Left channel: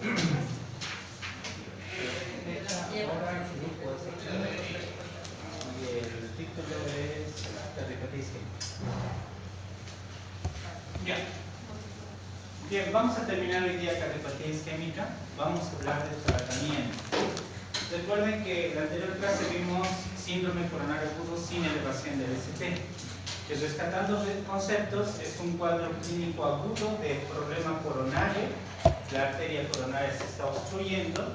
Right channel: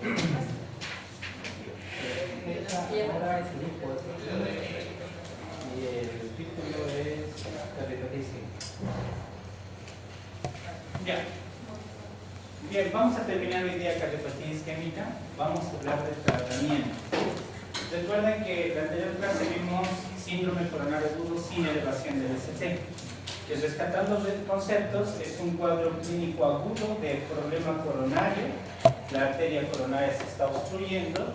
Y el título es cardiopatía. Bien, vamos a terminar hoy día cardiopatía isquémica. Vamos a hablar del tratamiento. Recuerden que en la anterior clase vimos síndrome coronario agudo sin elevación del ST. Que rescatando conceptos, es un cuadro clínico agudo de problema coronario. La arteria coronaria se está obstruyendo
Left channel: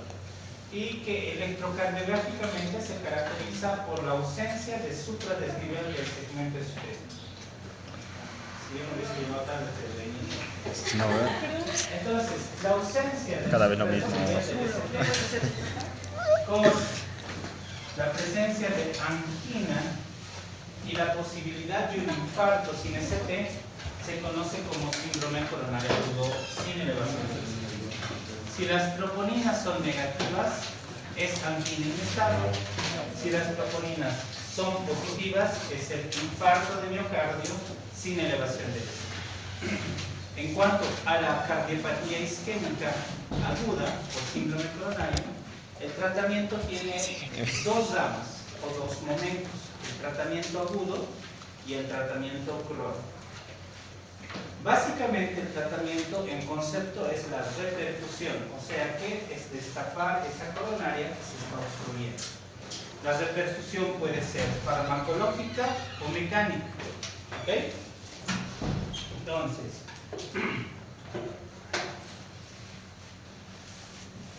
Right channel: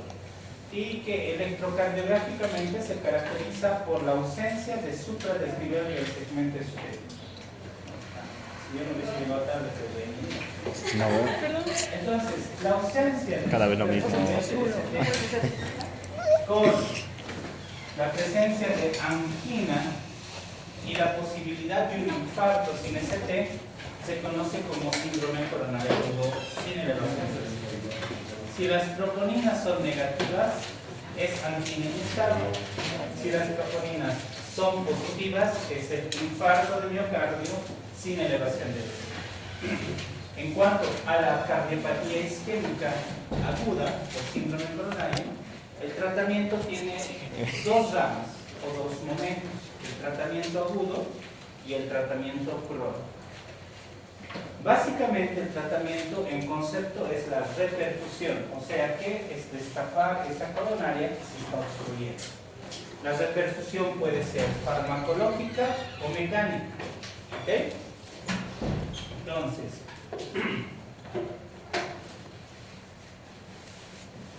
y que electrocardiográficamente se caracteriza por la ausencia de supradesnivel del segmento isquémico. Si yo no hubiese llevado tarde, No, entonces, la ausencia de cada vez lo mismo. con la presencia de angina y la posibilidad de un infarto sin ST se conoce como síndrome coronario agudo sin elevación del ST. Si las troponinas son negativas, es angina inestable. Si las troponinas son positivas, es el infarto de miocardio sin elevación del ST. En cuanto a la cardiopatía isquémica aguda o síndrome coronario, el tratamiento tiene dos ramas o dos momentos: el tratamiento agudo y el tratamiento crónico. Básicamente el tratamiento en concepto es la reperfusión, o sea que es destapar esa coronaria que se está obstruyendo. La reperfusión puede ser farmacológica o mecánica. ¿Ok? Entonces,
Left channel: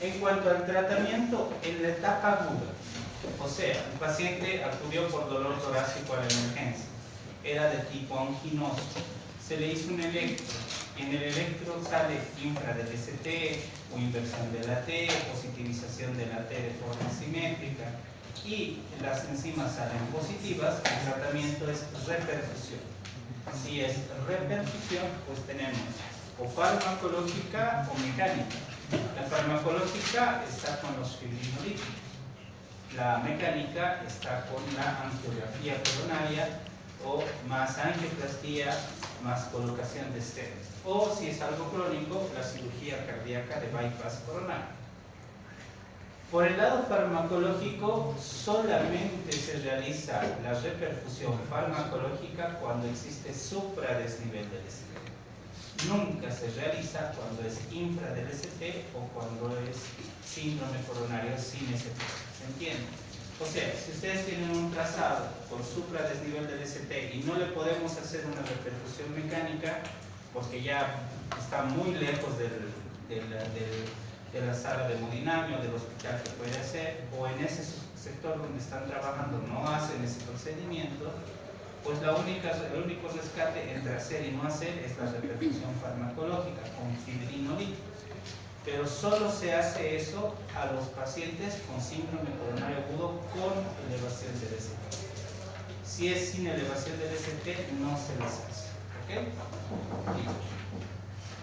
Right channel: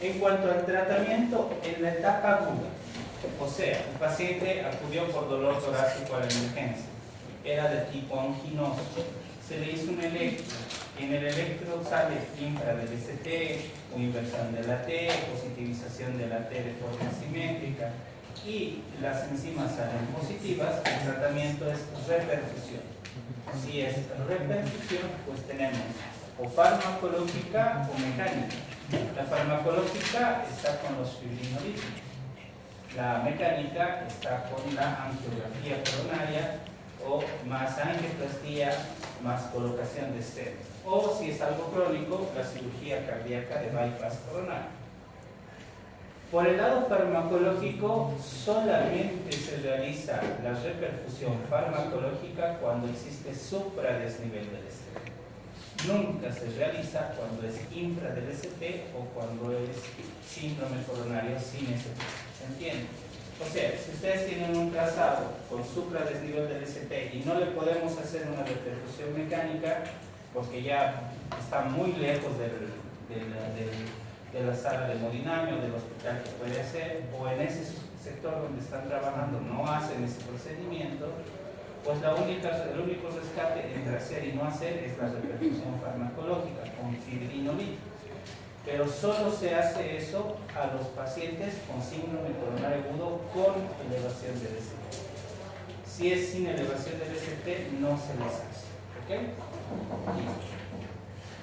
en cuanto al tratamiento en la etapa aguda, o sea, el paciente acudió por dolor torácico a la emergencia, era de tipo anginoso, se le hizo un electro, en el electro sale infra del ST o inversión de la T, positivización de la T de forma simétrica y las enzimas salen positivas, el tratamiento es reperfusión. Si es reperfusión, pues tenemos o farmacológica o mecánica. La farmacológica está con los fibrinolíticos. La mecánica está con la angiografía coronaria o más angioplastía más colocación de stents. O si es algo crónico, la cirugía cardíaca de bypass coronario. Por el lado farmacológico, solamente se realiza la reperfusión farmacológica cuando existe supradesnivel del ST. Nunca se realiza cuando es infra del ST o cuando es síndrome coronario sin ST. ¿Se entiende? O sea, si ustedes tienen un trazado con supradesnivel del ST y no le podemos hacer una reperfusión mecánica porque ya está muy lejos de la sala de hemodinamia o del hospital que puede hacer, o en ese sector donde están trabajando no hacen ese procedimiento, pues el único rescate entre hacer y no hacer es la reperfusión farmacológica con fibrinolíticos. Pero solo se hace eso a los pacientes con síndrome coronario agudo con elevación del ST. Si es sin elevación del ST, no se les hace. ¿Ok?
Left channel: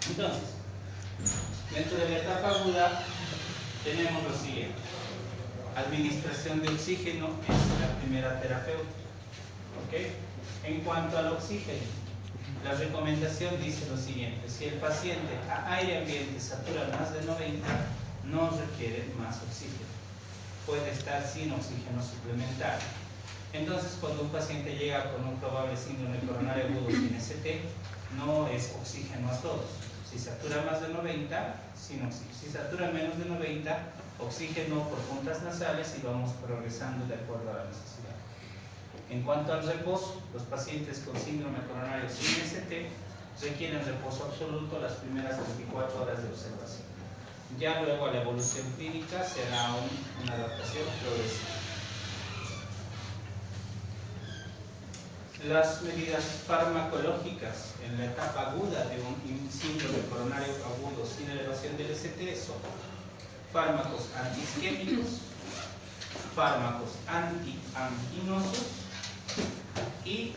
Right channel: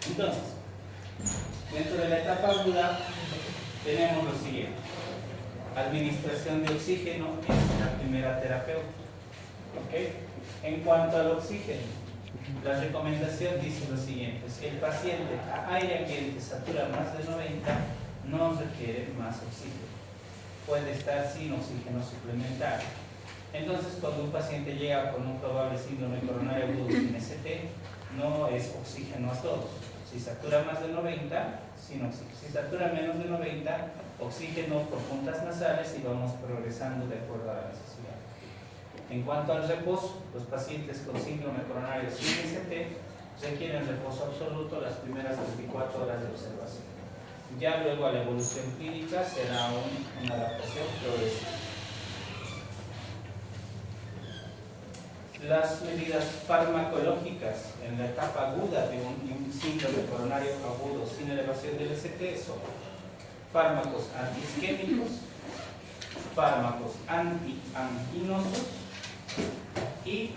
Entonces, dentro de la etapa aguda tenemos lo siguiente: administración de oxígeno es la primera terapéutica. ¿Okay? En cuanto al oxígeno, la recomendación dice lo siguiente: si el paciente a aire ambiente satura más de 90, no requiere más oxígeno, puede estar sin oxígeno suplementario. Entonces, cuando un paciente llega con un probable síndrome coronario agudo sin ST, no es oxígeno a todos. Si satura más de 90, sin oxígeno. Si satura menos de 90, oxígeno por puntas nasales y vamos progresando de acuerdo a la necesidad. En cuanto al reposo, los pacientes con síndrome coronario sin ST requieren reposo absoluto las primeras 24 horas de observación. Ya luego a la evolución clínica será una adaptación progresiva. Las medidas farmacológicas en la etapa aguda de un síndrome coronario agudo sin elevación del ST son fármacos antiisquémicos, fármacos antianginosos y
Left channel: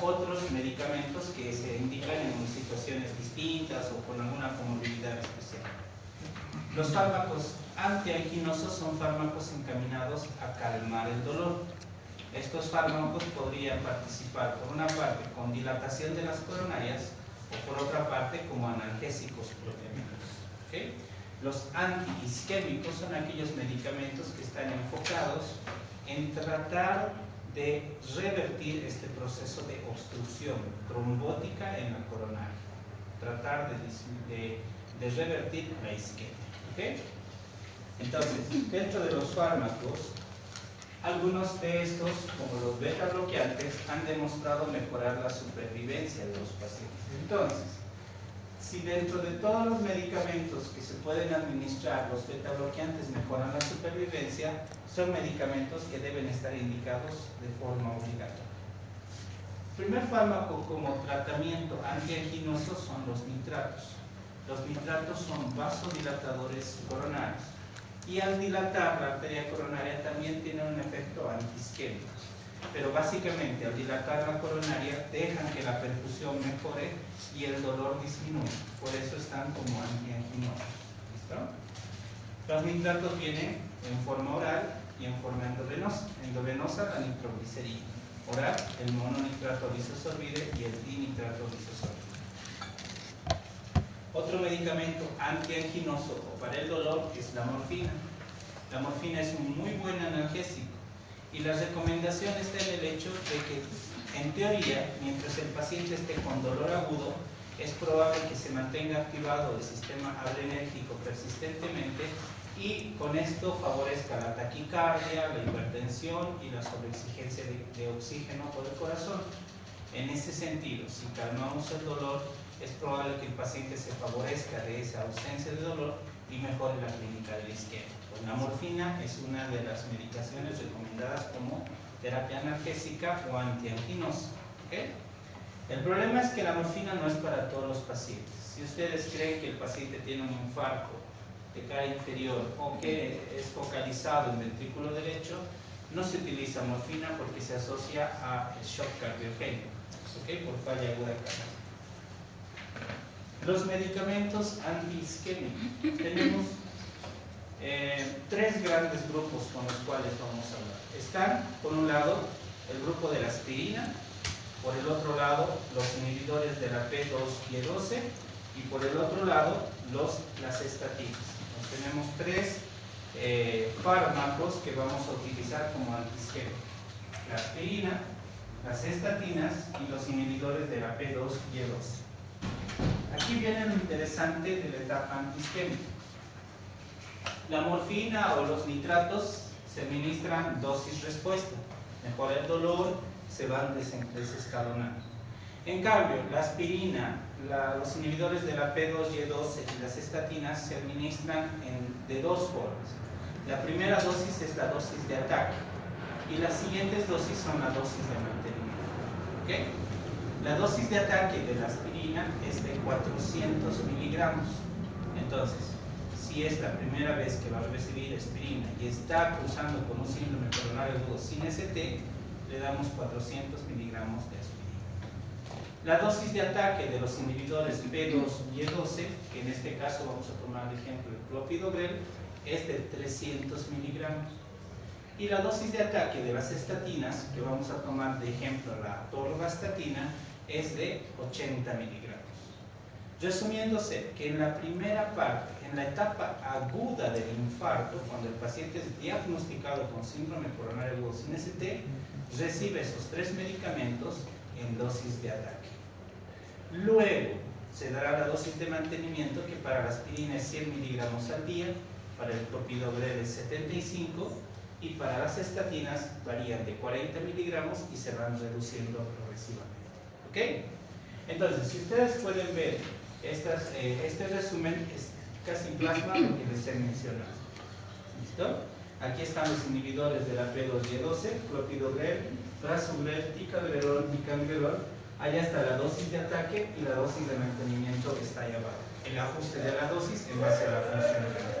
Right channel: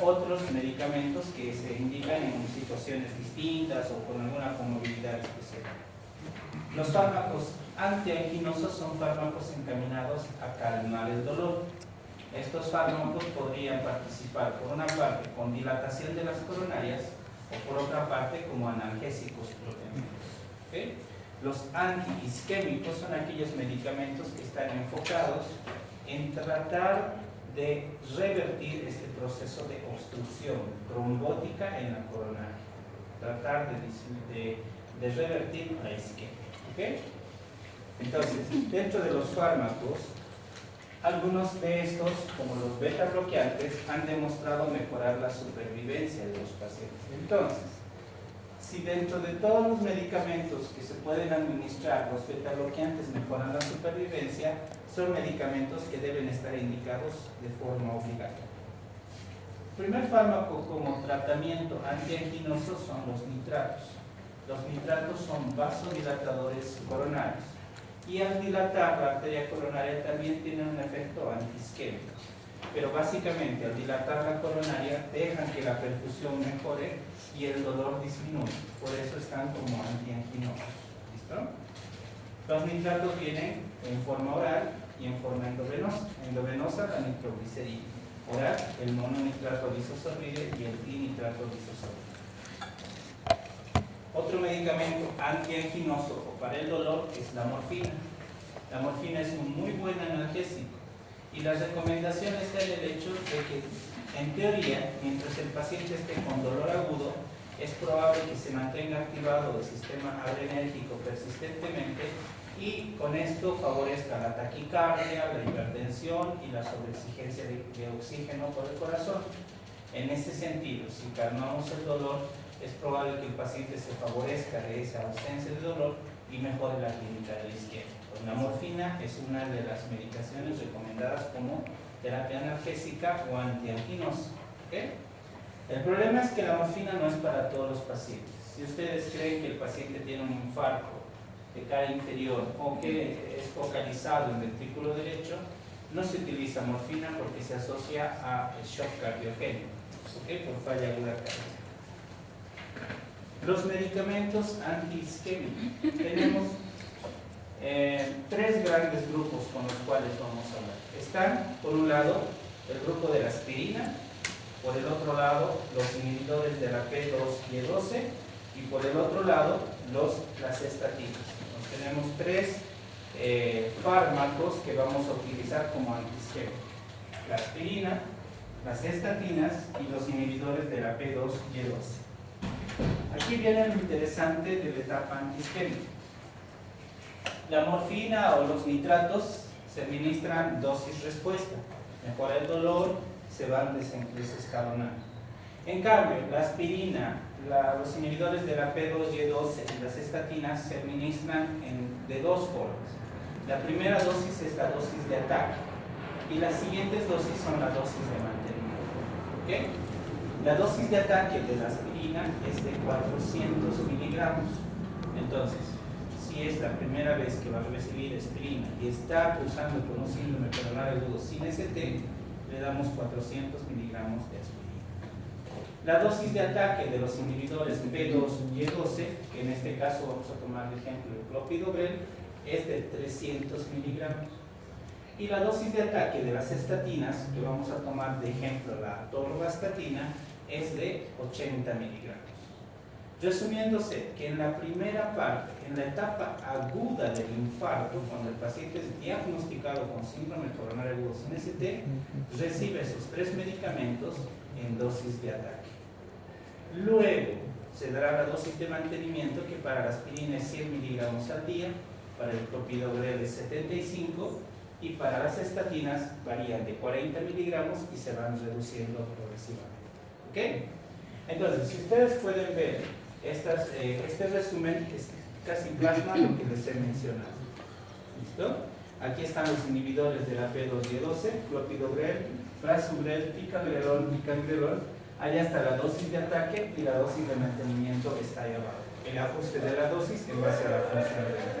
otros medicamentos que se indican en situaciones distintas o con alguna comorbilidad especial. Los fármacos antianginosos son fármacos encaminados a calmar el dolor. Estos fármacos podrían participar por una parte con dilatación de las coronarias o por otra parte como analgésicos proteicos. ¿Okay? Los antiisquémicos son aquellos medicamentos que están enfocados en tratar de revertir este proceso de obstrucción trombótica en la coronaria, tratar de revertir la isquemia. ¿Okay? Entonces, dentro de los fármacos, algunos de estos, como los beta bloqueantes, han demostrado mejorar la supervivencia de los pacientes. Entonces, si dentro de todos los medicamentos que se pueden administrar, los beta bloqueantes mejoran la supervivencia, son medicamentos que deben estar indicados de forma obligatoria. El primer fármaco como tratamiento antianginoso son los nitratos. Los nitratos son vasodilatadores coronarios y al dilatar la arteria coronaria también tienen un efecto antiisquémico. Pero básicamente al dilatar la coronaria dejan que la perfusión mejore y el dolor disminuye. Por eso están como antianginosos. ¿Listo? Los nitratos vienen en forma oral y en forma endovenosa. Endovenosa la nitroglicerina. Oral, el mononitrato bisosorbide y el dinitrato bisosorbide. Otro medicamento antianginoso o para el dolor es la morfina. La morfina es un muy buen analgésico y la recomendación está en el hecho de que, en teoría, mientras el paciente esté con dolor agudo, es probable que se mantenga activado el sistema adrenérgico persistentemente y con esto favorezca la taquicardia, la hipertensión y la sobreexigencia de oxígeno por el corazón. En ese sentido, si calmamos el dolor, es probable que el paciente se favorezca de esa ausencia de dolor y mejore la clínica de la isquemia. La morfina es una de las medicaciones recomendadas como terapia analgésica o antianginosa. ¿Okay? El problema es que la morfina no es para todos los pacientes. Si ustedes creen que el paciente tiene un infarto de cara inferior o que es focalizado en el ventrículo derecho, no se utiliza morfina porque se asocia a shock cardiogénico, ¿okay? Por falla aguda cardíaca. Los medicamentos antiisquémicos. Tenemos tres grandes grupos con los cuales vamos a hablar. Están, por un lado, el grupo de la aspirina, por el otro lado, los inhibidores de la P2Y12 y por el otro lado, las estatinas. Tenemos tres fármacos que vamos a utilizar como antiisquémicos: la aspirina, las estatinas y los inhibidores de la P2Y12. Aquí viene lo interesante de la etapa antiisquémica. La morfina o los nitratos se administran dosis-respuesta. Mejora el dolor, se van desescalonando. En cambio, la aspirina, los inhibidores de la P2Y12 y las estatinas se administran de dos formas. La primera dosis es la dosis de ataque y las siguientes dosis son las dosis de mantenimiento. ¿Okay? La dosis de ataque de la aspirina es de 400 miligramos. Entonces, si es la primera vez que va a recibir aspirina y está cursando con un síndrome coronario agudo sin ST, le damos 400 miligramos de aspirina. La dosis de ataque de los inhibidores P2Y12, que en este caso vamos a tomar de ejemplo el clopidogrel, es de 300 miligramos. Y la dosis de ataque de las estatinas, que vamos a tomar de ejemplo la atorvastatina, es de 80 miligramos. Resumiéndose que en la primera parte, en la etapa aguda del infarto, cuando el paciente es diagnosticado con síndrome coronario agudo sin ST, recibe esos tres medicamentos en dosis de ataque. Luego se dará la dosis de mantenimiento, que para la aspirina es 100 miligramos al día, para el clopidogrel es 75 y para las estatinas varían de 40 miligramos y se van reduciendo progresivamente. ¿Ok? Entonces, si ustedes pueden ver, este resumen es casi plasma lo que les he mencionado. ¿Listo? Aquí están los inhibidores de la P2Y12, clopidogrel, prasugrel, ticagrelol y cangrelol. Allá está la dosis de ataque y la dosis de mantenimiento está ahí abajo. El ajuste de la dosis en base a la función de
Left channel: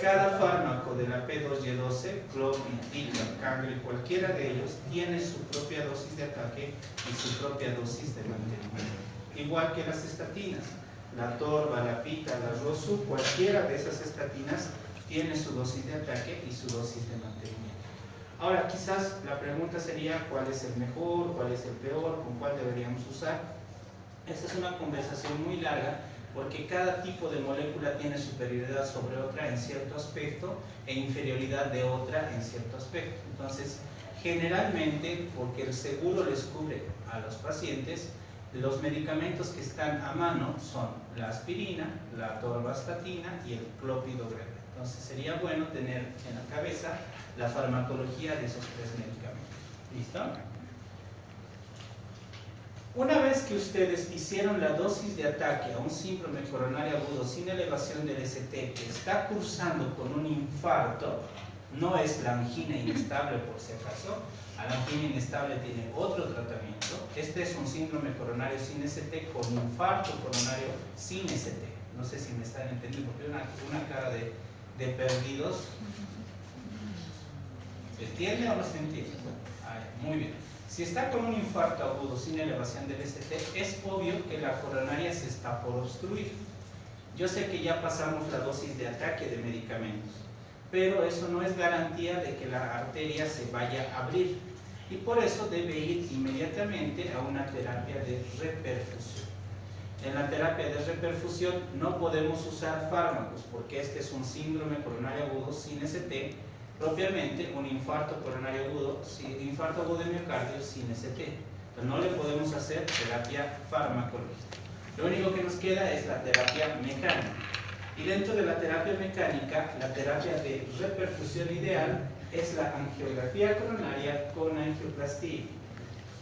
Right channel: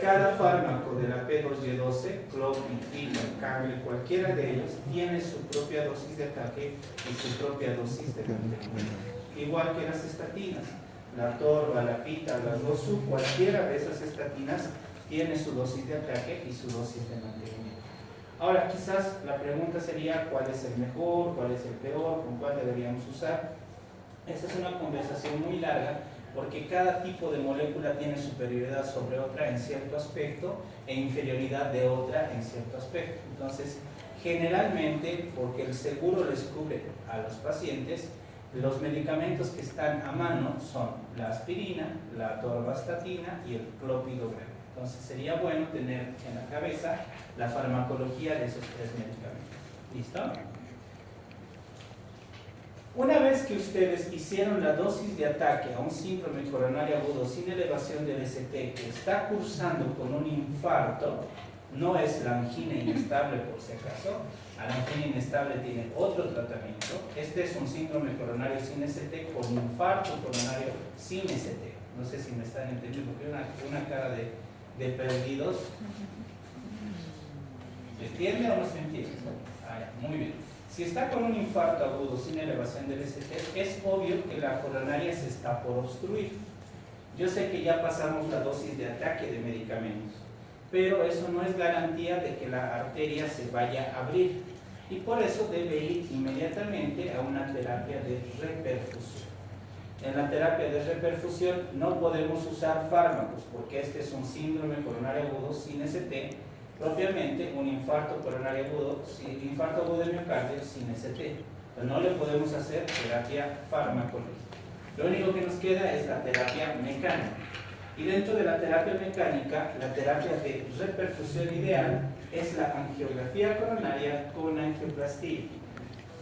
cada fármaco de la P2Y12, clopi, tica, cangrel, cualquiera de ellos, tiene su propia dosis de ataque y su propia dosis de mantenimiento. Igual que las estatinas, la torva, la pita, la rosu, cualquiera de esas estatinas tiene su dosis de ataque y su dosis de mantenimiento. Ahora, quizás la pregunta sería: ¿cuál es el mejor? ¿Cuál es el peor? ¿Con cuál deberíamos usar? Esta es una conversación muy larga, porque cada tipo de molécula tiene superioridad sobre otra en cierto aspecto e inferioridad de otra en cierto aspecto. Entonces, generalmente, porque el seguro les cubre a los pacientes, los medicamentos que están a mano son la aspirina, la atorvastatina y el clopidogrel. Entonces, sería bueno tener en la cabeza la farmacología de esos tres medicamentos. ¿Listo? Una vez que ustedes hicieron la dosis de ataque a un síndrome coronario agudo sin elevación del ST que está cursando con un infarto, no es la angina inestable por si acaso, a la angina inestable tiene otro tratamiento. Este es un síndrome coronario sin ST con infarto coronario sin ST. No sé si me están entendiendo, porque una cara de perdidos. ¿Se entiende o no se entiende? Muy bien. Si está con un infarto agudo sin elevación del ST, es obvio que la coronaria se está por obstruir. Yo sé que ya pasamos la dosis de ataque de medicamentos, pero eso no es garantía de que la arteria se vaya a abrir, y por eso debe ir inmediatamente a una terapia de reperfusión. En la terapia de reperfusión no podemos usar fármacos, porque este es un síndrome coronario agudo sin ST, propiamente un infarto coronario agudo, infarto agudo de miocardio sin ST. No le podemos hacer terapia farmacológica. Lo único que nos queda es la terapia mecánica. Y dentro de la terapia mecánica, la terapia de reperfusión ideal es la angiografía coronaria con angioplastía.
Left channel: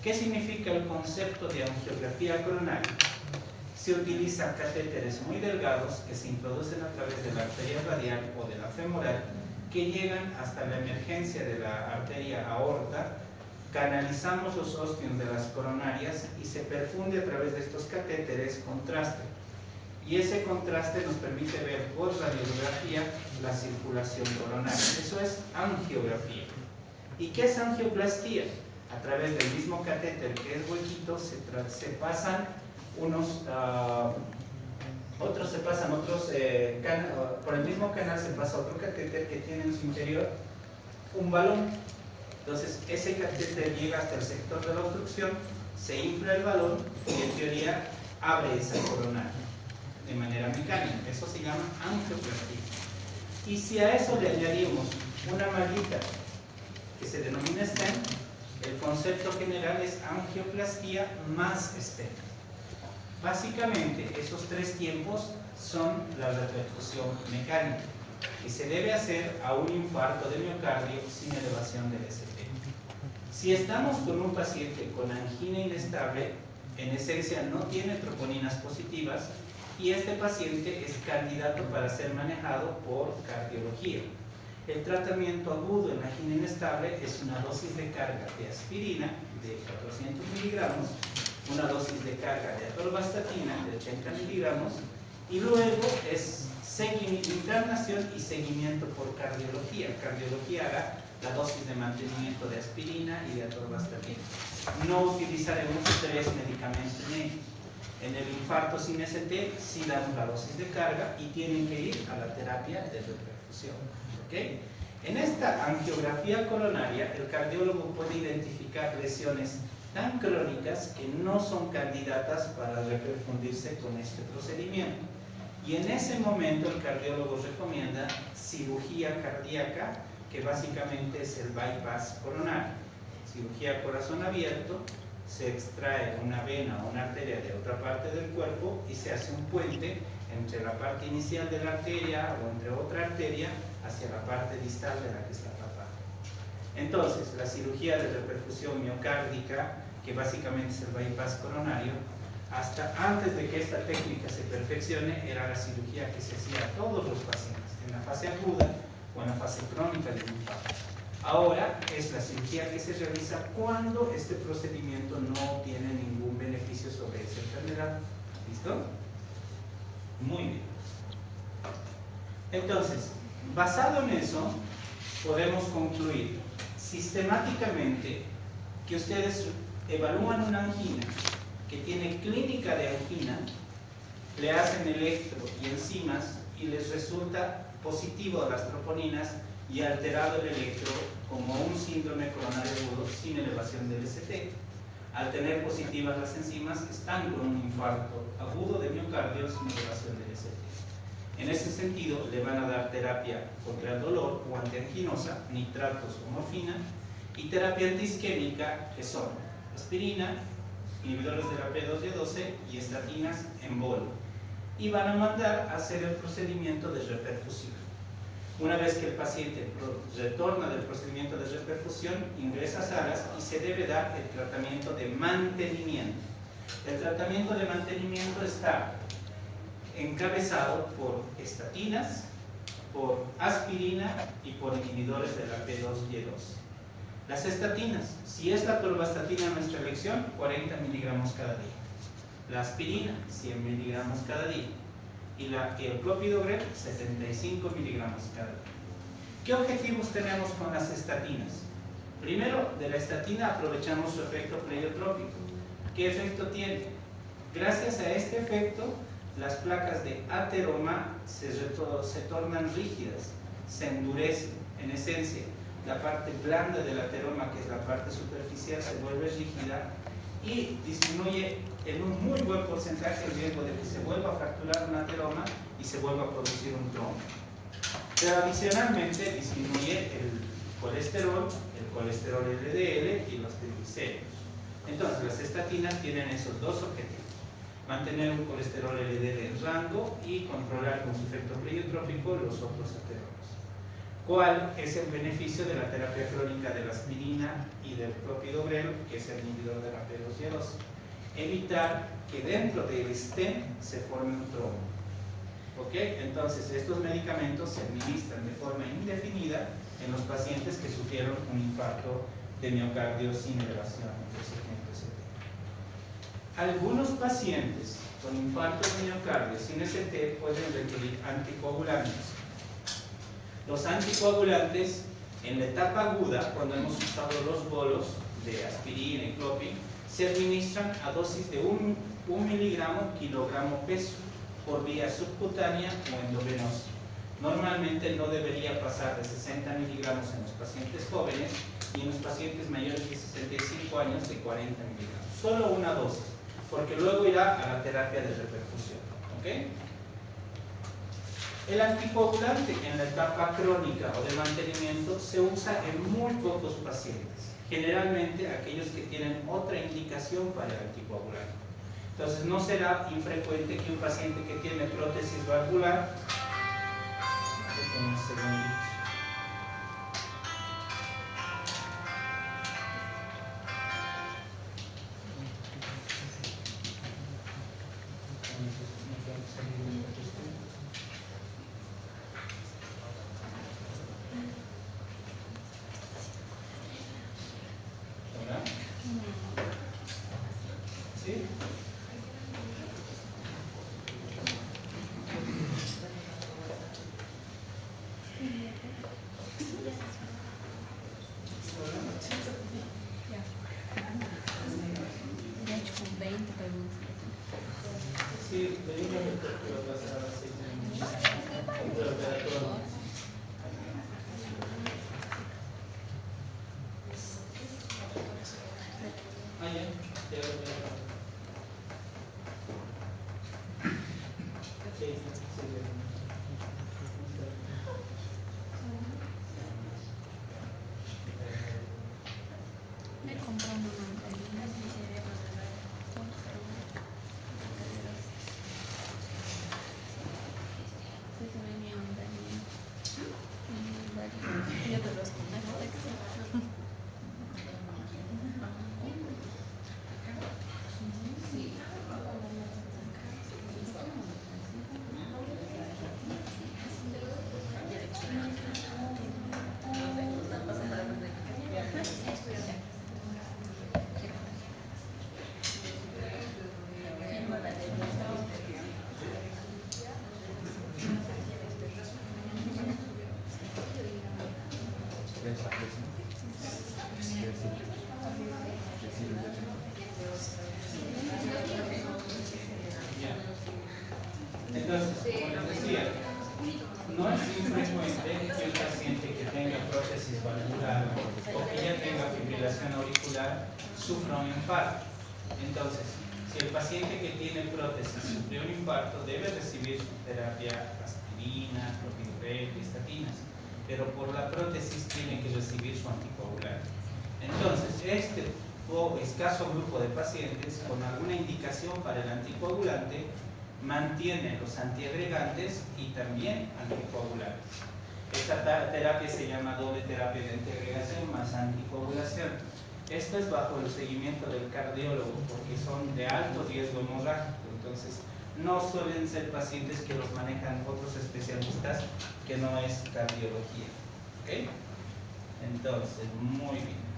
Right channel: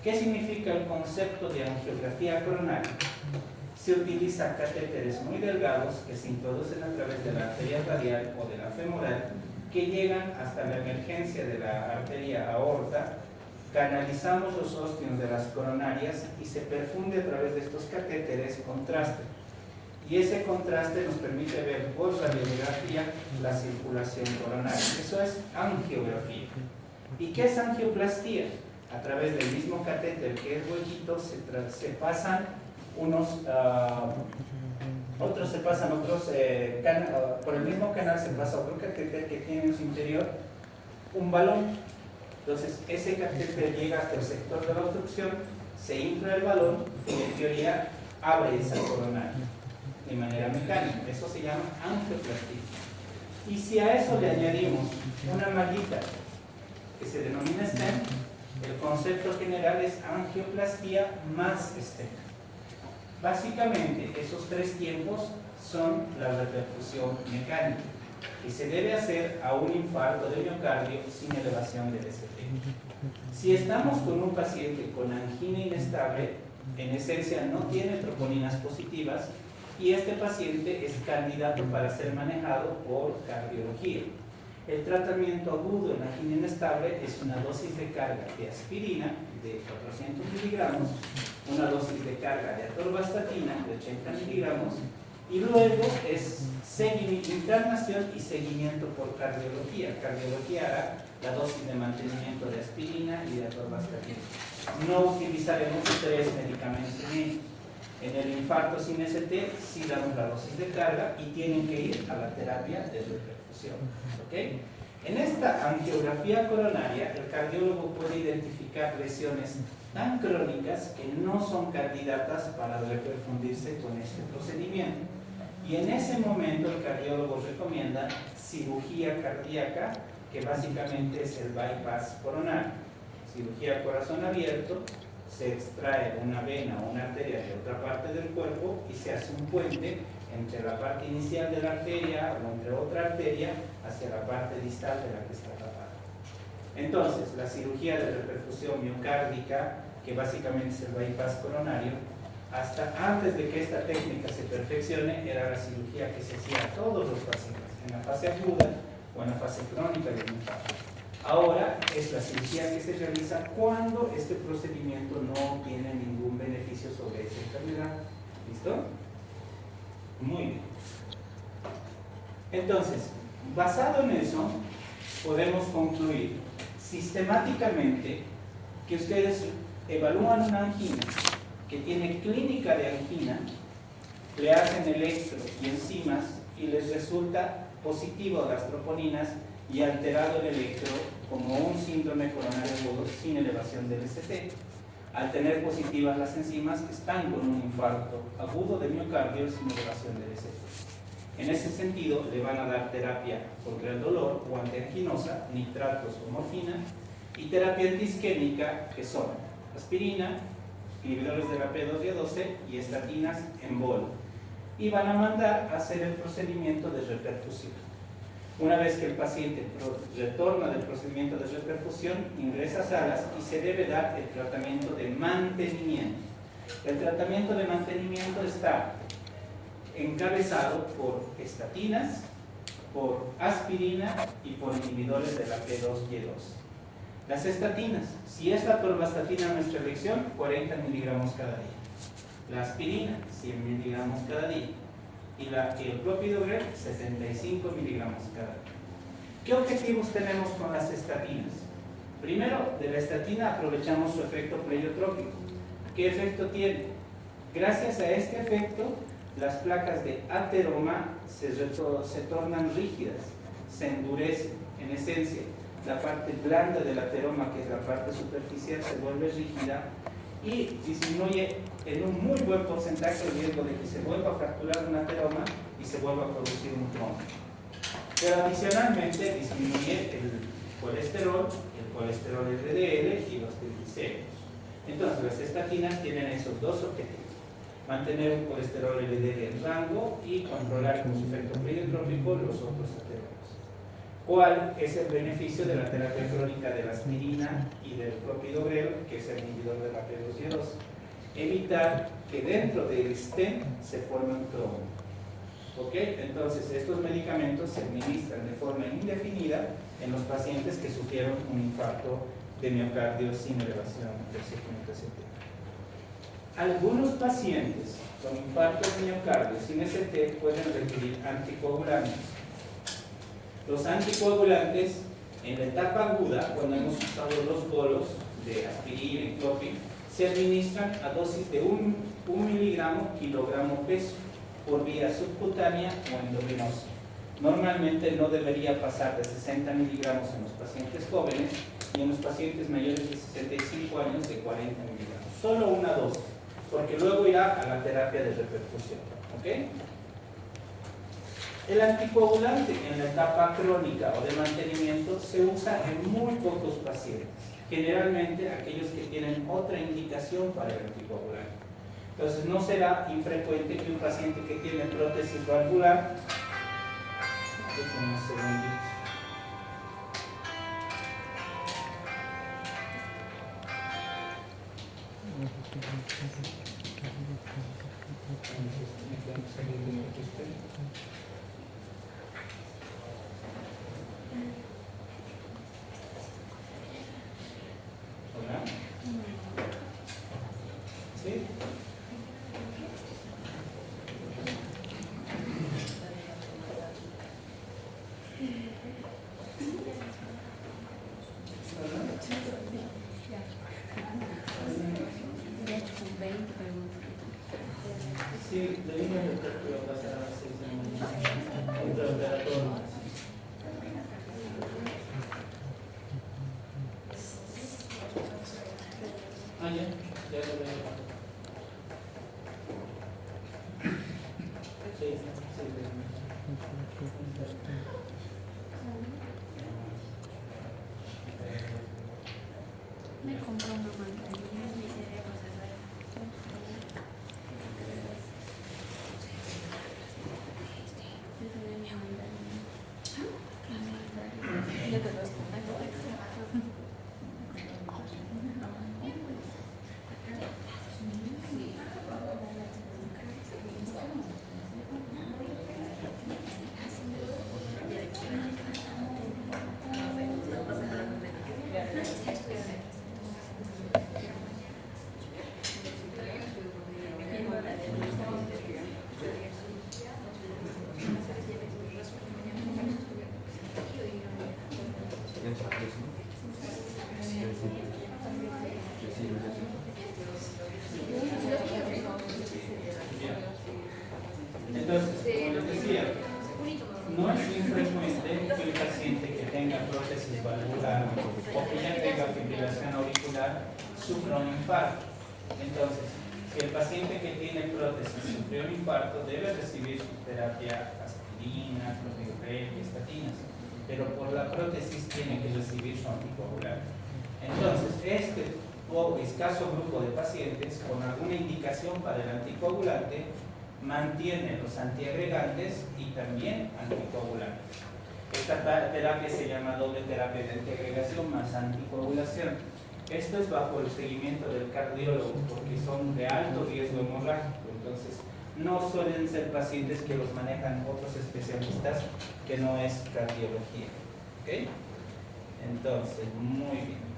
¿Qué significa el concepto de angiografía coronaria? Se utiliza catéteres muy delgados que se introducen a través de la arteria radial o de la femoral, que llegan hasta la emergencia de la arteria aorta. Canalizamos los ostios de las coronarias y se perfunde a través de estos catéteres contraste. Y ese contraste nos permite ver por radiografía la circulación coronaria. Eso es angiografía. ¿Y qué es angioplastía? A través del mismo catéter que es huequito se pasan por el mismo canal se pasa otro catéter que tiene en su interior un balón. Entonces ese catéter llega hasta el sector de la obstrucción, se infla el balón y en teoría abre esa coronaria de manera mecánica. Eso se llama angioplastía. Y si a eso le añadimos una maguita que se denomina stent, el concepto general es angioplastía más stent. Básicamente, esos tres tiempos son la reperfusión mecánica, que se debe hacer a un infarto de miocardio sin elevación del ST. Si estamos con un paciente con angina inestable, en esencia no tiene troponinas positivas, y este paciente es candidato para ser manejado por cardiología. El tratamiento agudo en angina inestable es una dosis de carga de aspirina de 400 miligramos, una dosis de carga de atorvastatina de 80 miligramos, y luego es internación y seguimiento por cardiología. Cardiología hará la dosis de mantenimiento de aspirina y de atorvastatina. No utilizaremos tres medicamentos médicos. En el infarto sin ST sí damos la dosis de carga y tienen que ir a la terapia de reperfusión. ¿Okay? En esta angiografía coronaria, el cardiólogo puede identificar lesiones tan crónicas que no son candidatas para reperfundirse con este procedimiento. Y en ese momento el cardiólogo recomienda cirugía cardíaca, que básicamente es el bypass coronario. Cirugía corazón abierto, se extrae una vena o una arteria de otra parte del cuerpo y se hace un puente entre la parte inicial de la arteria o entre otra arteria hacia la parte distal de la que está tapada. Entonces, la cirugía de reperfusión miocárdica, que básicamente es el bypass coronario, hasta antes de que esta técnica se perfeccione, era la cirugía que se hacía a todos los pacientes, en la fase aguda o en la fase crónica del infarto. Ahora es la cirugía que se realiza cuando este procedimiento no tiene ningún beneficio sobre esa enfermedad. ¿Listo? Muy bien. Entonces, basado en eso, podemos concluir sistemáticamente que ustedes evalúan una angina que tiene clínica de angina, le hacen electro y enzimas y les resulta positivo a las troponinas y alterado el electro como un síndrome coronario agudo sin elevación del ST. Al tener positivas las enzimas, están con un infarto agudo de miocardio sin elevación del ST. En ese sentido, le van a dar terapia contra el dolor o antianginosa, nitratos o morfina, y terapia antiisquémica, que son aspirina, inhibidores de la P2Y12 y estatinas en bolo. Y van a mandar a hacer el procedimiento de reperfusión. Una vez que el paciente retorna del procedimiento de reperfusión, ingresa a salas y se debe dar el tratamiento de mantenimiento. El tratamiento de mantenimiento está encabezado por estatinas, por aspirina y por inhibidores de la P2Y12. Las estatinas, si es la atorvastatina nuestra elección, 40 miligramos cada día. La aspirina, 100 miligramos cada día. Y el clopidogrel, 75 miligramos cada día. ¿Qué objetivos tenemos con las estatinas? Primero, de la estatina aprovechamos su efecto pleiotrópico. ¿Qué efecto tiene? Gracias a este efecto, las placas de ateroma se tornan rígidas, se endurecen. En esencia, la parte blanda del ateroma, que es la parte superficial, se vuelve rígida y disminuye en un muy buen porcentaje el riesgo de que se vuelva a fracturar un ateroma y se vuelva a producir un trombo. Pero adicionalmente disminuye el colesterol LDL y los triglicéridos. Entonces las estatinas tienen esos dos objetivos: mantener un colesterol LDL en rango y controlar con su efecto pleiotrópico los otros ateromas. ¿Cuál es el beneficio de la terapia crónica de la aspirina y del clopidogrel, que es el inhibidor de la P2Y12? Evitar que dentro del stent se forme un trombo. ¿Ok? Entonces, estos medicamentos se administran de forma indefinida en los pacientes que sufrieron un infarto de miocardio sin elevación del segmento ST. Algunos pacientes con infarto de miocardio sin ST pueden requerir anticoagulantes. Los anticoagulantes, en la etapa aguda, cuando hemos usado los bolos de aspirina y clopin, se administran a dosis de 1 miligramo kilogramo peso por vía subcutánea o endovenosa. Normalmente no debería pasar de 60 miligramos en los pacientes jóvenes y en los pacientes mayores de 65 años de 40 miligramos. Solo una dosis, porque luego irá a la terapia de reperfusión. ¿Ok? El anticoagulante en la etapa crónica o de mantenimiento se usa en muy pocos pacientes, generalmente aquellos que tienen otra indicación para el anticoagulante. Entonces no será infrecuente que un paciente que tiene prótesis valvular, ¿sí? Sí, le digo que va a pasar a las 6 de la mañana. Ah, ya lo veo. Sí. Entonces, como les decía, no es infrecuente que un paciente que tenga prótesis valvular o que ya tenga fibrilación auricular sufra un infarto. Entonces, si el paciente que tiene prótesis sufrió un infarto, debe recibir su terapia aspirina, clopidogrel, estatinas, pero por la prótesis tiene que recibir su anticoagulante. Entonces, este escaso grupo de pacientes con alguna indicación para el anticoagulante mantiene los antiagregantes y también anticoagulantes. Esta terapia se llama doble terapia de antiagregación más anticoagulación. Esto es bajo el seguimiento del cardiólogo porque son de alto riesgo hemorrágico. Entonces, no suelen ser pacientes que los manejan otros especialistas que no es cardiología. ¿Ok? Entonces, muy bien.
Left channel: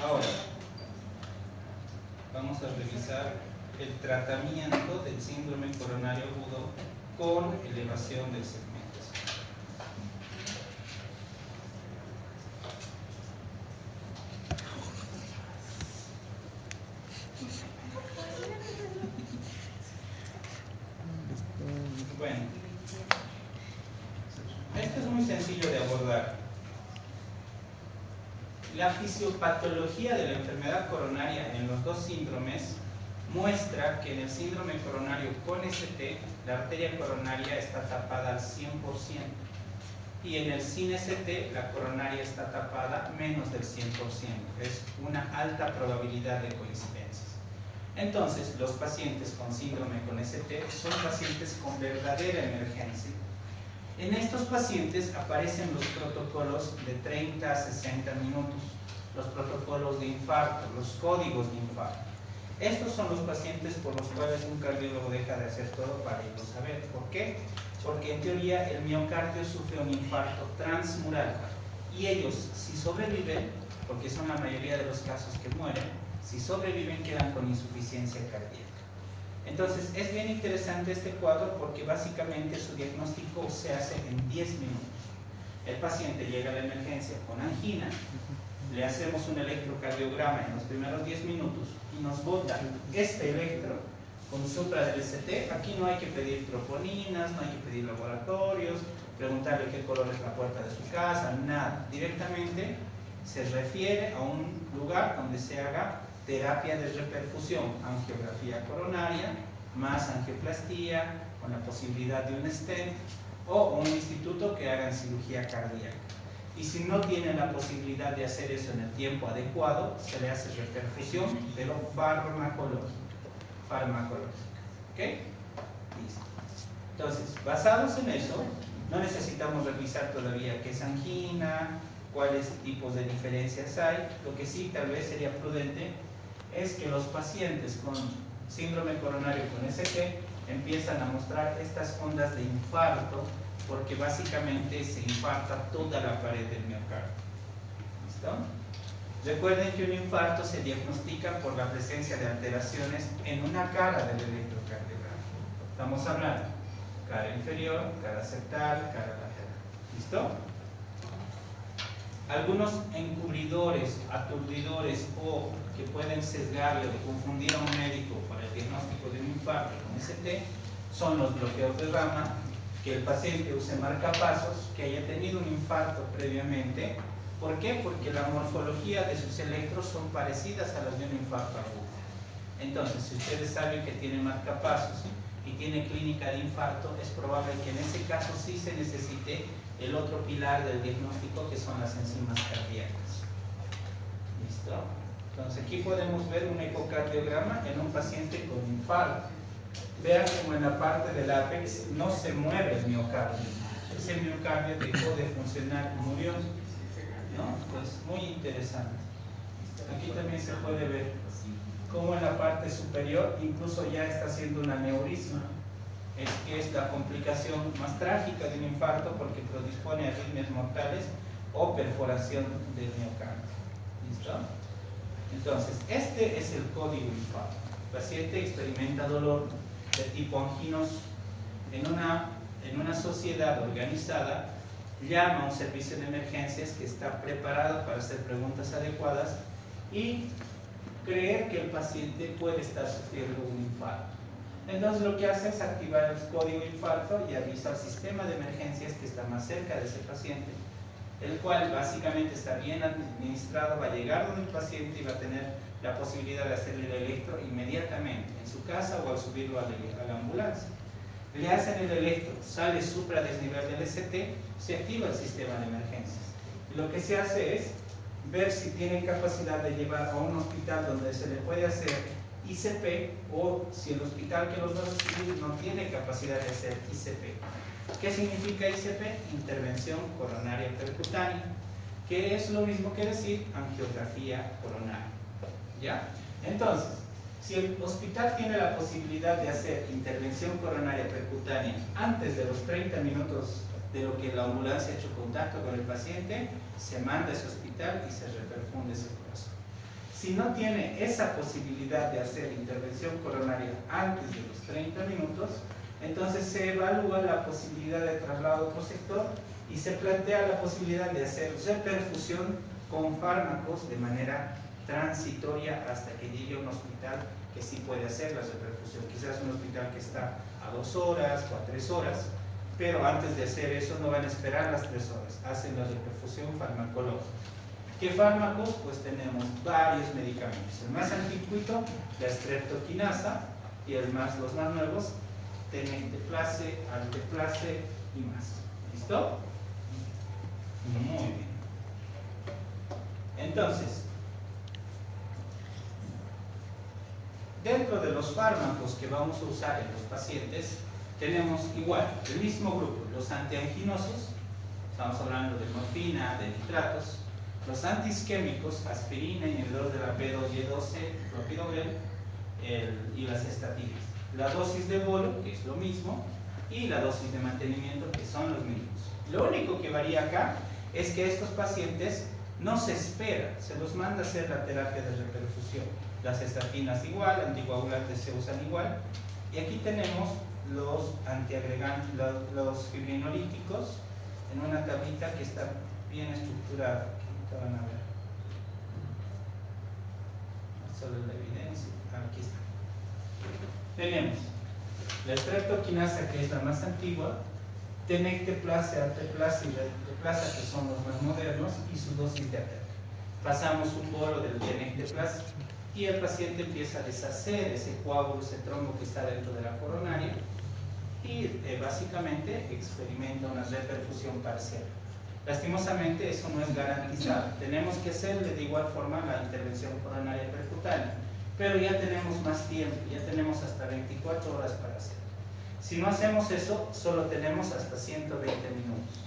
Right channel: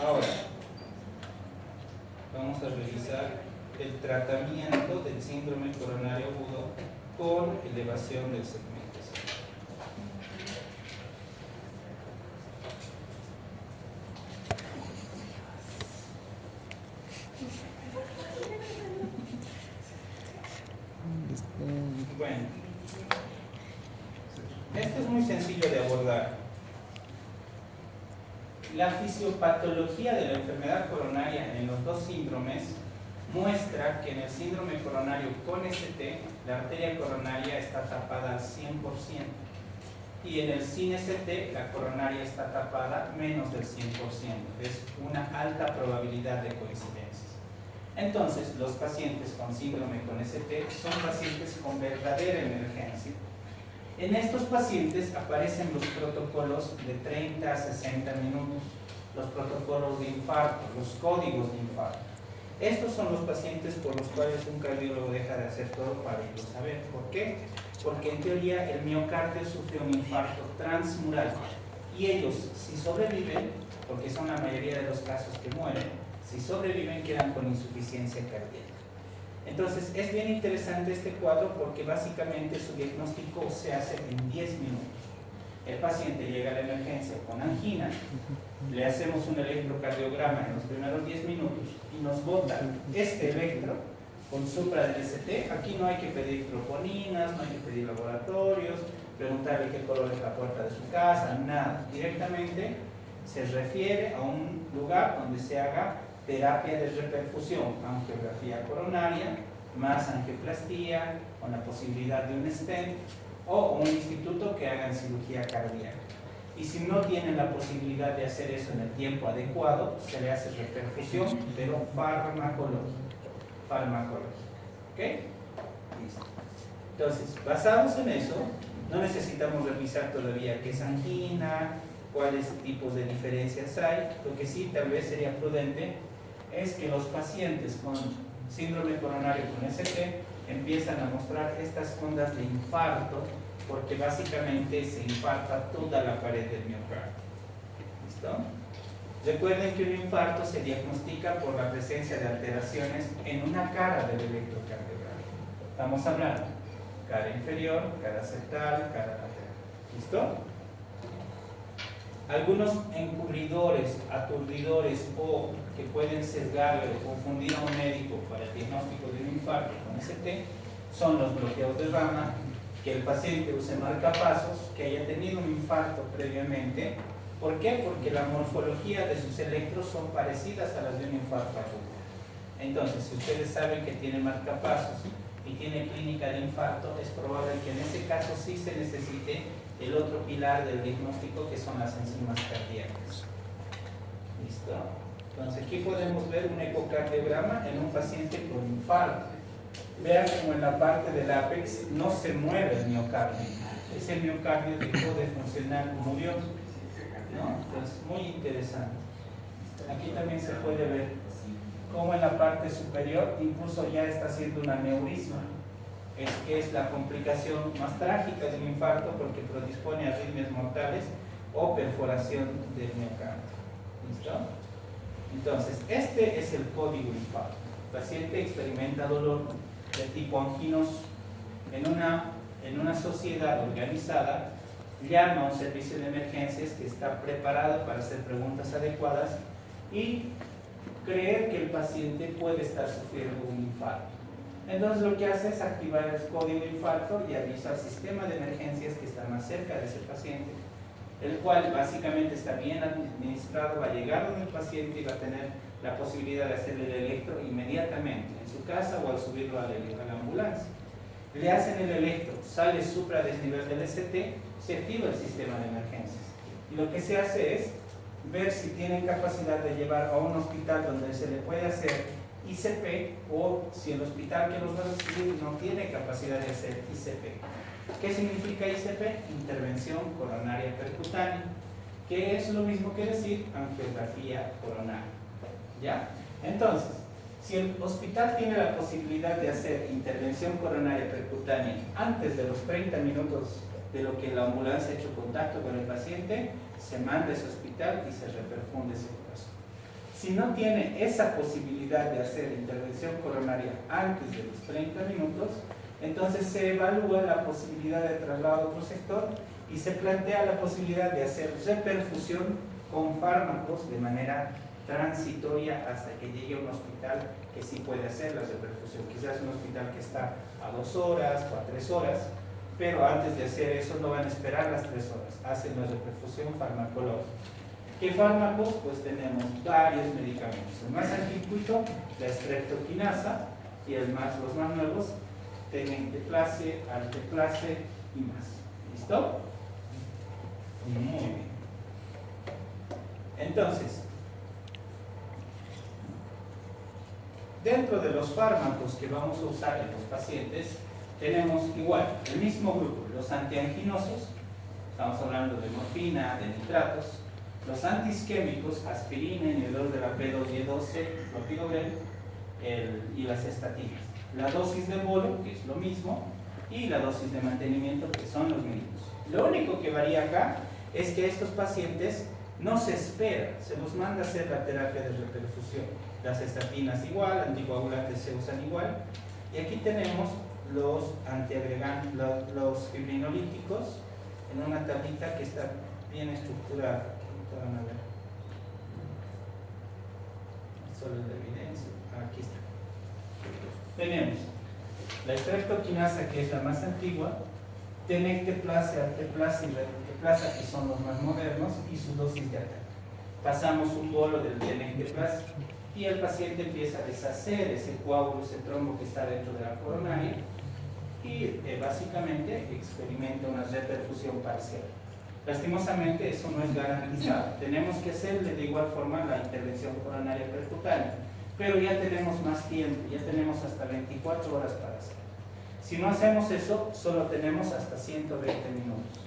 Ahora, vamos a revisar el tratamiento del síndrome coronario agudo con elevación del segmento. Bueno, esto es muy sencillo de abordar. La fisiopatología de la enfermedad coronaria en los dos síndromes muestra que en el síndrome coronario con ST la arteria coronaria está tapada al 100% y en el sin ST la coronaria está tapada menos del 100%. Es una alta probabilidad de coincidencias. Entonces, los pacientes con síndrome con ST son pacientes con verdadera emergencia. En estos pacientes aparecen los protocolos de 30 a 60 minutos, los protocolos de infarto, los códigos de infarto. Estos son los pacientes por los cuales un cardiólogo deja de hacer todo para irlo a saber. ¿Por qué? Porque en teoría el miocardio sufre un infarto transmural y ellos, si sobreviven, porque son la mayoría de los casos que mueren, si sobreviven quedan con insuficiencia cardíaca. Entonces es bien interesante este cuadro porque básicamente su diagnóstico se hace en 10 minutos. El paciente llega a la emergencia con angina, le hacemos un electrocardiograma en los primeros 10 minutos y nos bota este electro con supra del ST. Aquí no hay que pedir troponinas, no hay que pedir laboratorios, preguntarle qué color es la puerta de su casa, nada. Directamente se refiere a un lugar donde se haga terapia de reperfusión, angiografía coronaria, más angioplastía, con la posibilidad de un stent, o un instituto que hagan cirugía cardíaca. Y si no tienen la posibilidad de hacer eso en el tiempo adecuado, se le hace reperfusión, pero farmacológica. ¿Ok? Listo. Entonces, basados en eso, no necesitamos revisar todavía qué es angina, cuáles tipos de diferencias hay. Lo que sí tal vez sería prudente es que los pacientes con síndrome coronario con ST empiezan a mostrar estas ondas de infarto porque básicamente se infarta toda la pared del miocardio. ¿Listo? Recuerden que un infarto se diagnostica por la presencia de alteraciones en una cara del electrocardiograma. Estamos hablando cara inferior, cara septal, cara lateral. ¿Listo? Algunos encubridores, aturdidores o que pueden sesgarle o confundir a un médico para el diagnóstico de un infarto con ST son los bloqueos de rama, que el paciente use marcapasos, que haya tenido un infarto previamente. ¿Por qué? Porque la morfología de sus electros son parecidas a las de un infarto agudo. Entonces, si ustedes saben que tiene marcapasos y tiene clínica de infarto, es probable que en ese caso sí se necesite el otro pilar del diagnóstico, que son las enzimas cardíacas. ¿Listo? Entonces aquí podemos ver un ecocardiograma en un paciente con infarto. Vean como en la parte del ápex no se mueve el miocardio. Ese miocardio dejó de funcionar, murió. ¿No? Entonces, muy interesante. Aquí también se puede ver cómo en la parte superior incluso ya está haciendo un aneurisma. Que es la complicación más trágica de un infarto porque predispone a arritmias mortales o perforación del miocardio. ¿Listo? Entonces, este es el código infarto. El paciente experimenta dolor de tipo anginoso. En una sociedad organizada, llama a un servicio de emergencias que está preparado para hacer preguntas adecuadas y creer que el paciente puede estar sufriendo un infarto. Entonces lo que hace es activar el código infarto y avisa al sistema de emergencias que está más cerca de ese paciente el cual básicamente está bien administrado, va a llegar donde el paciente y va a tener la posibilidad de hacerle el electro inmediatamente en su casa o al subirlo a la ambulancia. Le hacen el electro, sale supradesnivel del ST, se activa el sistema de emergencias. Y lo que se hace es ver si tiene capacidad de llevar a un hospital donde se le puede hacer ICP, o si el hospital que los va a recibir no tiene capacidad de hacer ICP. ¿Qué significa ICP? Intervención coronaria percutánea, que es lo mismo que decir angiografía coronaria. ¿Ya? Entonces, si el hospital tiene la posibilidad de hacer intervención coronaria percutánea antes de los 30 minutos de lo que la ambulancia ha hecho contacto con el paciente, se manda a ese hospital y se reperfunde ese corazón. Si no tiene esa posibilidad de hacer intervención coronaria antes de los 30 minutos, entonces se evalúa la posibilidad de traslado a otro sector y se plantea la posibilidad de hacer reperfusión con fármacos de manera transitoria hasta que llegue a un hospital que sí puede hacer la reperfusión. Quizás un hospital que está a 2 horas o a 3 horas, pero antes de hacer eso no van a esperar las 3 horas, hacen la reperfusión farmacológica. ¿Qué fármacos? Pues tenemos varios medicamentos. El más antiguo, la streptokinasa, y los más nuevos, tenenteplase, alteplase y más. ¿Listo? Muy bien. Entonces, dentro de los fármacos que vamos a usar en los pacientes, tenemos igual, el mismo grupo, los antianginosos, estamos hablando de morfina, de nitratos, los antiisquémicos, aspirina, inhibidores de la P2Y12, clopidogrel y las estatinas. La dosis de bolo, que es lo mismo, y la dosis de mantenimiento, que son los mismos. Lo único que varía acá es que estos pacientes no se espera, se los manda a hacer la terapia de reperfusión. Las estatinas igual, anticoagulantes se usan igual, y aquí tenemos los antiagregantes, los fibrinolíticos, en una tablita que está bien estructurada, que ahorita van a ver. Solo la evidencia, aquí está. Tenemos la streptokinasa, que es la más antigua, tenecteplase, alteplase y renteplase, que son los más modernos, y su dosis de ataque. Pasamos un bolo del tenecteplase y el paciente empieza a deshacer ese coágulo, ese trombo que está dentro de la coronaria, y básicamente experimenta una reperfusión parcial. Lastimosamente eso no es garantizado. Tenemos que hacerle de igual forma la intervención coronaria percutánea, pero ya tenemos más tiempo, ya tenemos hasta 24 horas para hacer. Si no hacemos eso, solo tenemos hasta 120 minutos.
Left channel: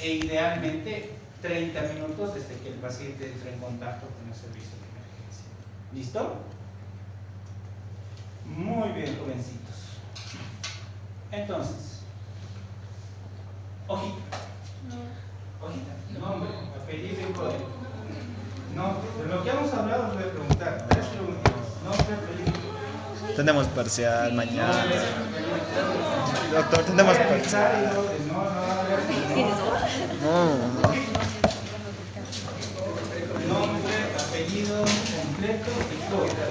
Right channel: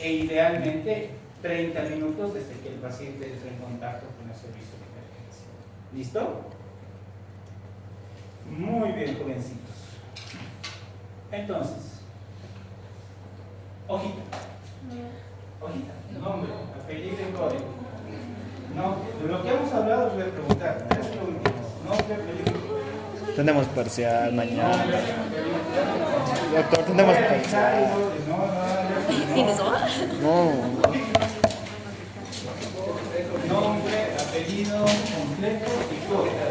E idealmente 30 minutos desde que el paciente entra en contacto con el servicio de emergencia. ¿Listo? Muy bien, jovencitos. Entonces, hojita. Hojita, nombre, apellido y código. No, de lo que hemos hablado os voy a preguntar. Es lo último. Nombre, apellido y código. Tenemos parcial mañana. Doctor, tenemos parcial. No. Nombre, apellido completo y código.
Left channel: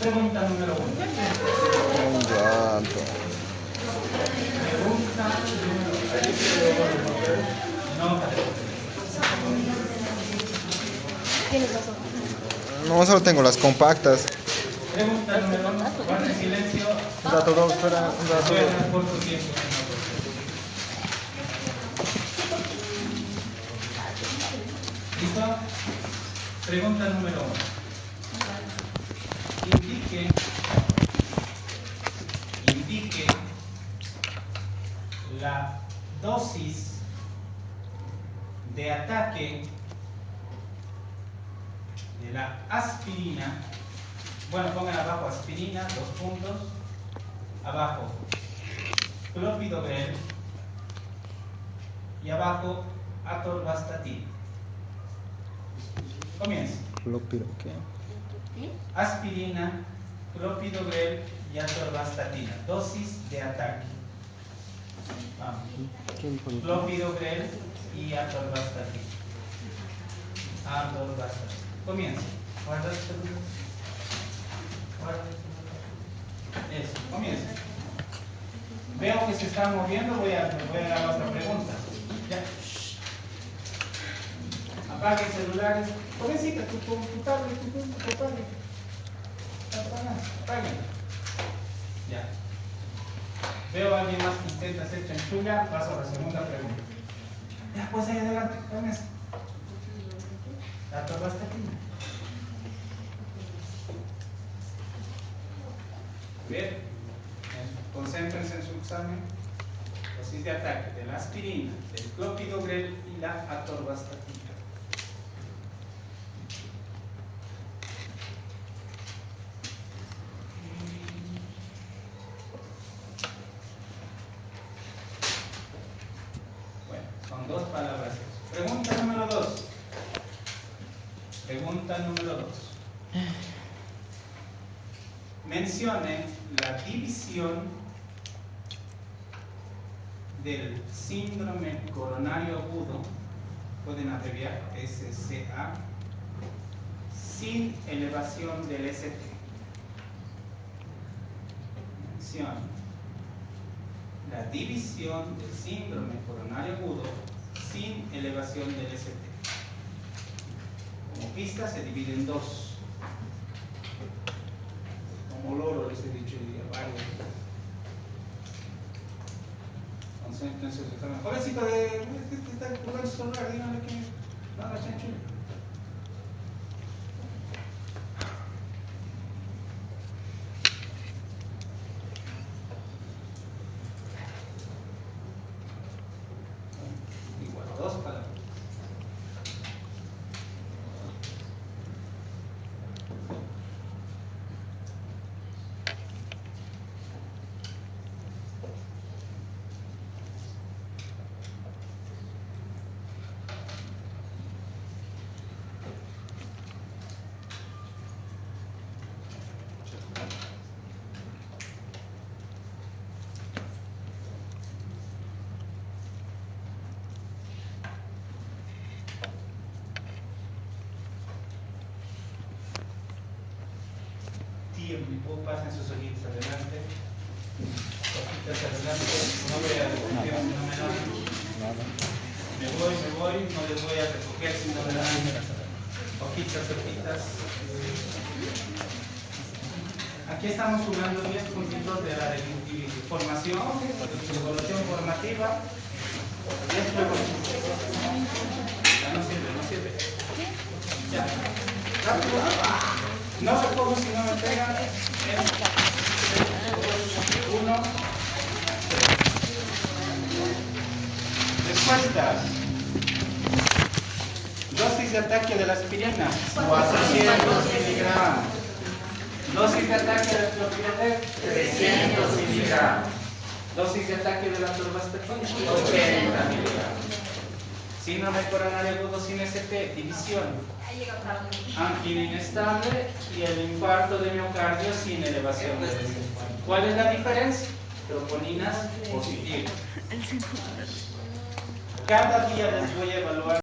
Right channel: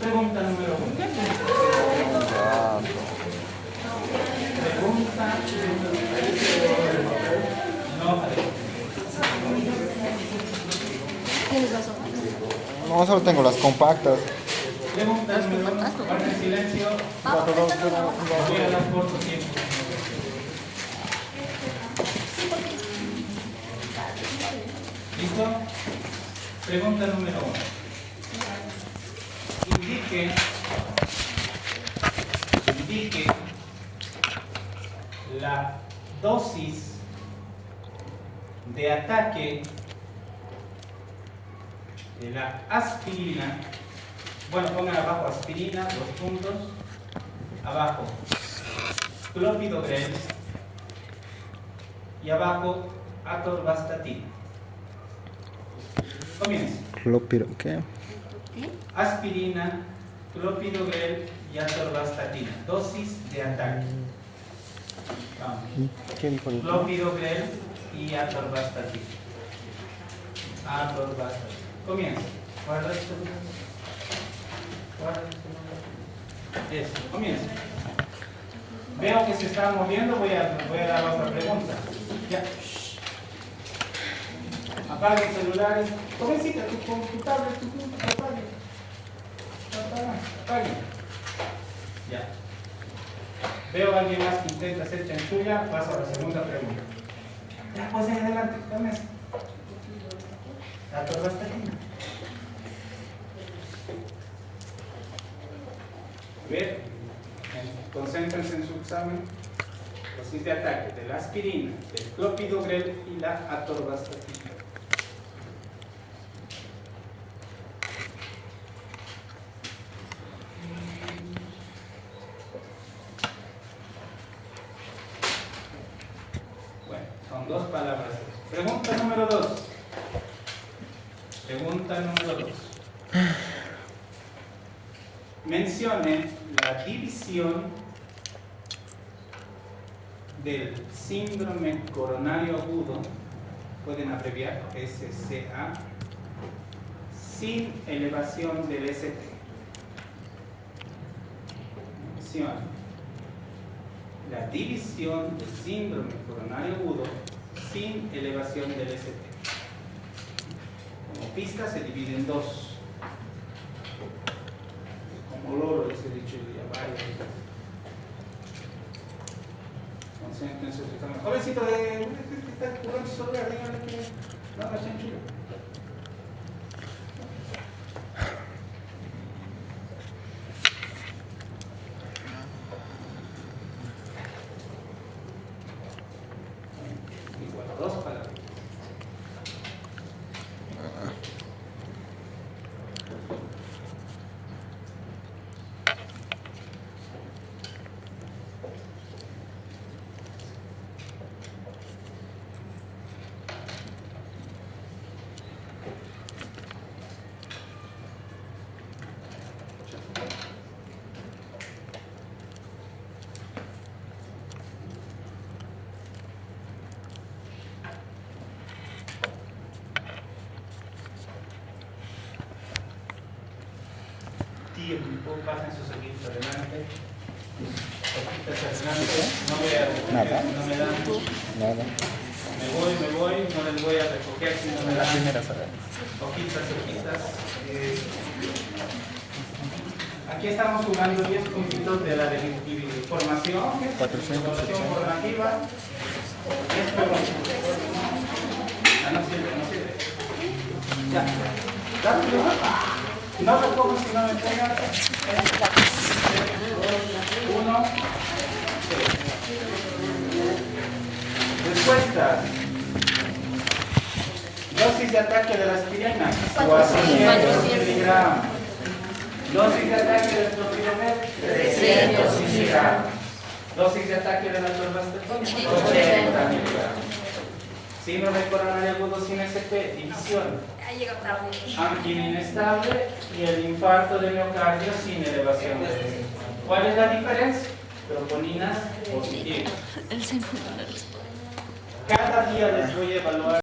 Pregunta número 1. Pregunta No, solo tengo las compactas. Pregunta número 1. Guarda silencio. Un rato, doctora. Un Voy a rato. dar corto tiempo. ¿Listo? Pregunta número 1. Indique la dosis de ataque de la aspirina. Bueno, pongan abajo aspirina, los puntos. Abajo clopidogrel y abajo atorvastatina. Comienza. ¿Qué? Aspirina, clopidogrel y atorvastatina. Dosis de ataque. Vamos. ¿Quién pone? Clopidogrel y atorvastatina. Atorvastatina. Comienza. Guarda esto. Guarda esto. Eso. Comienza. Veo que se están moviendo, voy a dar otra pregunta. Ya. Apague el celular. Jovencita, tu computadora, apague. Ya. Veo a alguien más que intenta hacer chanchulla, paso a la segunda pregunta. Ya, pues ahí adelante, con eso. La torre está aquí. Bien, concéntrense en su examen. Dosis de ataque de la aspirina, del clopidogrel y la atorvastatina. Bueno, son dos palabras. Pregunta número 2. Pregunta número 2. Mencione la división del síndrome coronario agudo, pueden abreviar SCA, sin elevación del ST. Mencione la división del síndrome coronario agudo sin elevación del ST. Como pista se divide en dos. Como loro les he dicho el día, concéntrense en su examen. Jovencito, está jugando su celular, díganle que no haga chanchullo. Igual, dos palabras. Pasen sus ojitos adelante. Ojitos adelante. No voy a recoger si no me dan. Nada. Me voy, no les voy a recoger si no me dan. Hojitas. Aquí estamos jugando 10 puntitos de la formación, evaluación formativa. 10 preguntas. No sirve. Ya. Rápido. No recojo si no me entregan. 1. Respuestas. Dosis de ataque de la aspirina, 400 miligramos. Dosis de ataque del clopidogrel, 300 miligramos. Dosis de ataque de la atorvastatina, 80 miligramos. Síndrome coronario agudo sin ST, división. Angina inestable y el infarto de miocardio sin elevación de ST. ¿Cuál es la diferencia? Troponinas positivas. Cada día les voy a evaluar